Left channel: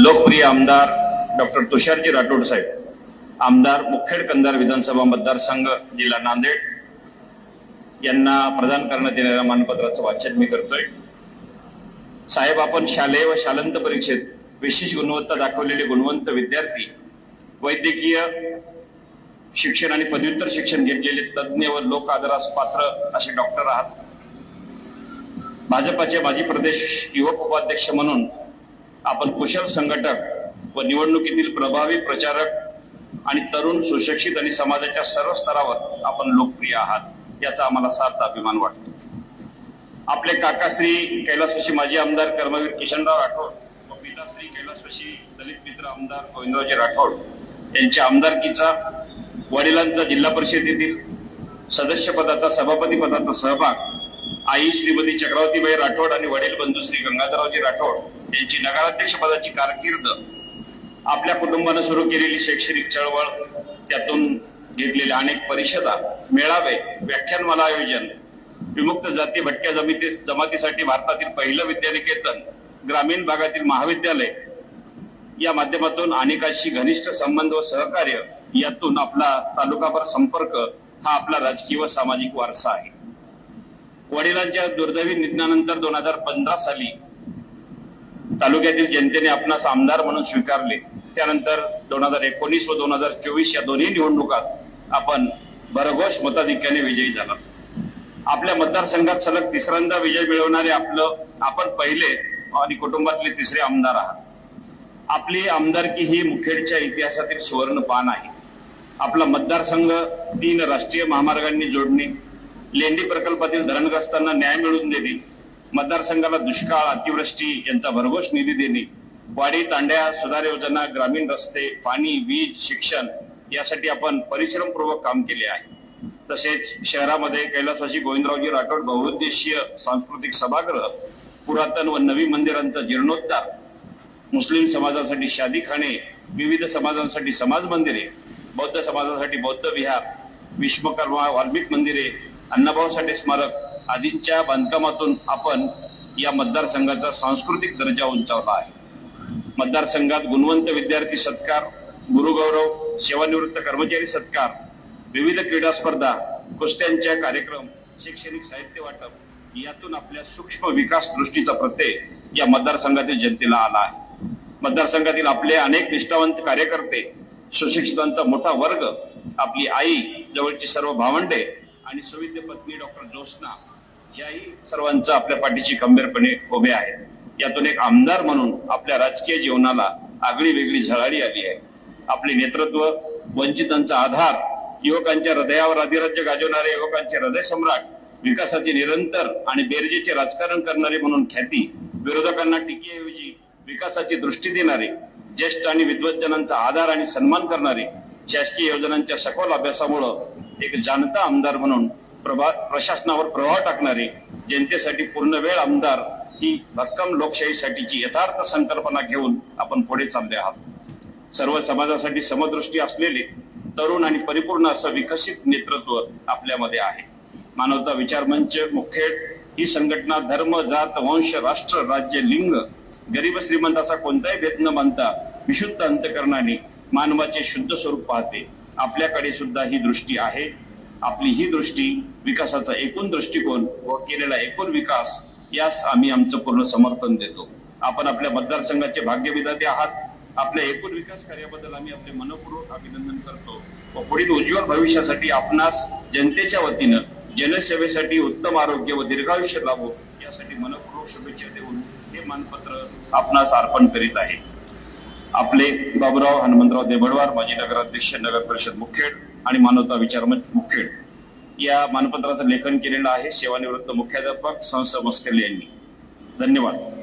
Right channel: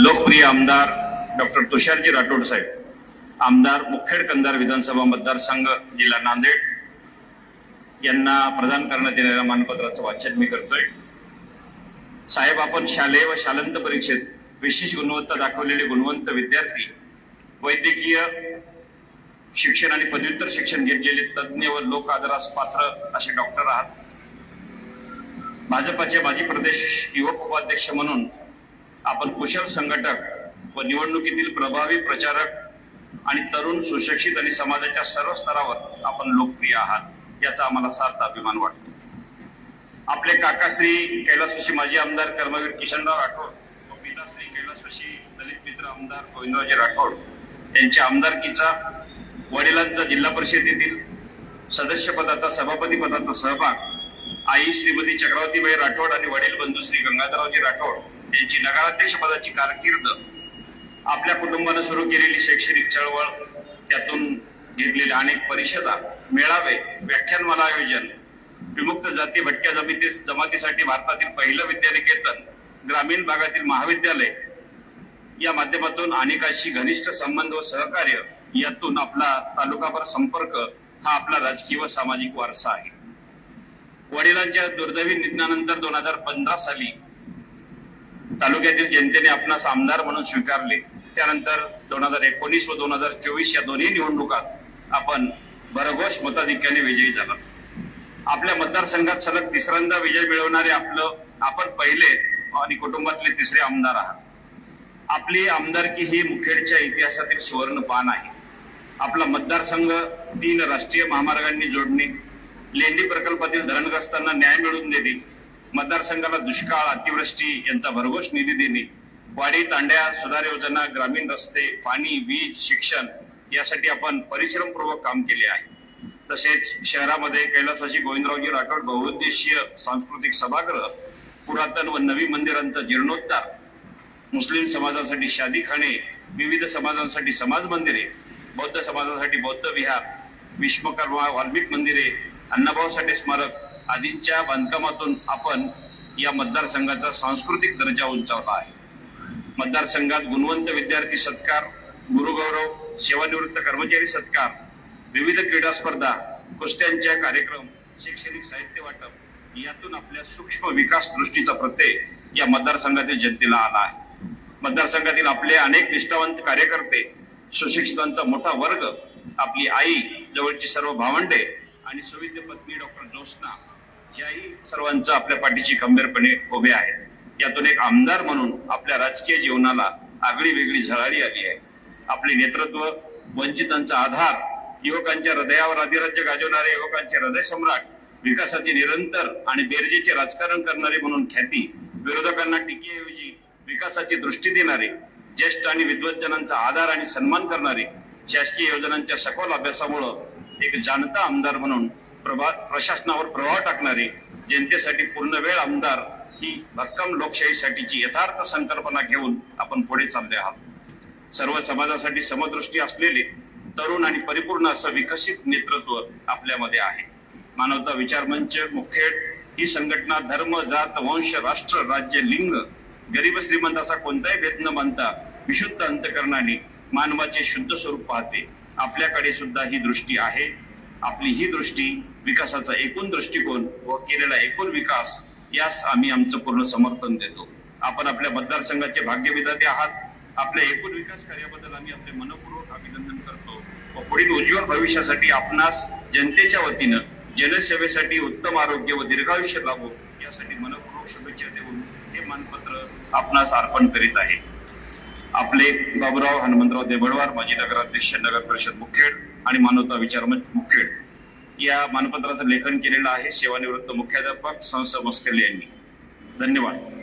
लोकप्रिय आमदार डॉक्टर तुषारजी राठोड साहेब आमदार मुखेड कंधार विधानसभा मतदारसंघ जिल्हा नांदेड. यांना प्रदान करण्यात येणाऱ्या मानपत्राचं वाचन मी करतोय. साहेब आपण शालेय व शालंत परीक्षेत विशेष गुणवत्ता दाखवलेले गुणवंत विद्यार्थी वैद्यकीय शिक्षण आणि पदव्युत्तर शिक्षण घेतलेले तज्ज्ञ व लोक आदरास पात्र असे डॉक्टर आहात. भाजपाचे माजी प्रदेश युवक उपाध्यक्ष म्हणून आपण कुशल संघटक व निवडणुकीतील प्रभावी प्रचारक आणि तरुण सुशिक्षित आणि समाजाच्या सर्व स्तरावर आपण लोकप्रिय आहात याचा आम्हाला सार्थ अभिमान वाटतो. आपले काकाश्री कैलासवशी माजी आमदार कर्मवीर किशनराव राठोड व पिताश्री कैलासवशी दलित मित्र आमदार गोविंदरावजी राठोड यांच्या आमदारकीचा वडिलांचा जिल्हा परिषदेतील सदस्यपदाचा सभापती पदाचा सहभाग आई श्रीमती चक्रवर्तीबाई राठोड आणि वडील बंधू श्री गंगाधररावजी राठोड यांची नगराध्यक्ष पदाची कारकीर्द आपल्या कुटुंबानं सुरू केलेली शैक्षणिक चळवळ त्यातून घेतलेल्या अनेक परिषदा मेळावे व्याख्यानमाला आयोजन विमुक्त जाती भटक्या जमिती जमातीसाठी भारतातील पहिलं विद्यानिकेतन ग्रामीण भागातील महाविद्यालय या माध्यमातून अनेकांशी घनिष्ठ संबंध व सहकार्य यातून आपला तालुकाभर संपर्क हा आपला राजकीय व सामाजिक वारसा आहे. वडिलांच्या दुर्दैवी निधनानंतर दोन हजार पंधरा साली तालुक्यातील जनतेने आपणास आमदार म्हणून स्वीकारले. त्यानंतर दोन हजार एकोणीस व दोन हजार चोवीस या दोन्ही निवडणुकात आपण भरघोस मताधिक्याने विजयी झाला. आपल्या मतदारसंघात सलग तिसऱ्यांदा विजय मिळवणारे आपलं आपण पहिले आणि कुटुंबातले तिसरे आमदार आहात. आपली आमदारकी ही मुखेडच्या इतिहासातील सुवर्ण पान आहे. आपला मतदारसंघ तीन राष्ट्रीय महामार्गांनी जोडणे लेंडी प्रकल्पातील धरणग्रस्तांना न्याय मिळवून देणे मतदारसंघाला दुष्काळ अतिवृष्टी यांचा भरघोस निधी देणे वाडी तांड्या सुधार योजना ग्रामीण रस्ते पाणी वीज शिक्षण यासाठी आपण परिश्रमपूर्वक काम केले आहे. तसेच शहरामध्ये कैलासाची गोविंदरावजी राठोड बहुउद्देशीय सांस्कृतिक सभागृह पुरातन व नवी मंदिरांचा जीर्णोद्धार मुस्लिम समाजासाठी शादीखाने विविध समाजांसाठी समाज मंदिरे बौद्ध समाजासाठी बौद्ध विहार विश्वकर्मा वाल्मिक मंदिरे अण्णाभाऊ साठे स्मारक आदींच्या बांधकामातून आपण या मतदारसंघाचा सांस्कृतिक दर्जा उंचावला आहे. मतदारसंघात गुणवंत विद्यार्थी सत्कार गुरुगौरव सेवानिवृत्त कर्मचारी सत्कार विविध क्रीडा स्पर्धा कुस्त्यांच्या कार्यक्रम शैक्षणिक साहित्य वाटप यातून आपल्या सूक्ष्म विकास दृष्टीचा प्रत्यय या मतदारसंघातील जनतेला आला आहे. मतदारसंघातील आपले अनेक निष्ठावंत कार्यकर्ते सुशिक्षितांचा मोठा वर्ग आपली आई जवळची सर्व भावंडे आणि सुविद्य पत्नी डॉक्टर ज्योत्स्ना याही सर्वांचा आपल्या पाठीशी खंबीरपणे उभे आहेत. यातून एक आमदार म्हणून आपल्या राजकीय जीवनाला आगळी वेगळी झळाळी आली आहे. आपले नेतृत्व वंचितांचा आधार युवकांच्या हृदयावर अधिराज्य गाजवणारे युवकांचे हृदय सम्राट विकासाचे निरंतर आणि बेरजेचे राजकारण करणारे म्हणून ख्याती विरोधकांना टीकेऐवजी विकासाची दृष्टी देणारे ज्येष्ठ आणि विद्वज्जनांचा आधार आणि सन्मान करणारे शासकीय योजनांच्या सखोल अभ्यासामुळं एक जाणता आमदार म्हणून प्रभा प्रशासनावर प्रभाव टाकणारे जनतेसाठी पूर्ण वेळ आमदार ही भक्कम लोकशाहीसाठीची यथार्थ संकल्पना घेऊन आपण पुढे चालले आहात. सर्व समाजासाठी समदृष्टी असलेले तरुण आणि परिपूर्ण असं विकसित नेतृत्व आपल्यामध्ये आहे. मानवता विचार मंच मुखेड ही संघटना धर्म जात वंश राष्ट्र राज्य लिंग गरीब श्रीमंत असा कोणताही भेद न मानता विशुद्ध अंतकरणाने मानवाचे शुद्ध स्वरूप पाहते. आपल्याकडे सुद्धा ही दृष्टी आहे. आपली ही दृष्टी विकासाचा एकूण दृष्टिकोन व केलेला एकूण विकास यास आम्ही आमचं पूर्ण समर्थन देतो. आपण आपल्या मतदारसंघाचे भाग्यविधाते आहात. आपल्या एकूण विकास कार्याबद्दल आम्ही आपले मनपूर्वक अभिनंदन करतो व पुढील उज्ज्वल भविष्यासाठी आपणास जनतेच्या वतीनं जनसेवेसाठी उत्तम आरोग्य व दीर्घायुष्य लाभो यासाठी मनपूर्वक शुभेच्छा देऊन हे मानपत्र आपणास अर्पण करीत आहे. आपले बाबुराव हनुमंतराव देबडवार माजी नगराध्यक्ष नगर परिषद मुखेड आणि मानवता विचार मंच मुखेड या मानपत्राचं लेखन केलेलं आहे. सेवानिवृत्त मुख्याध्यापक संस्था मस्कल यांनी. धन्यवाद.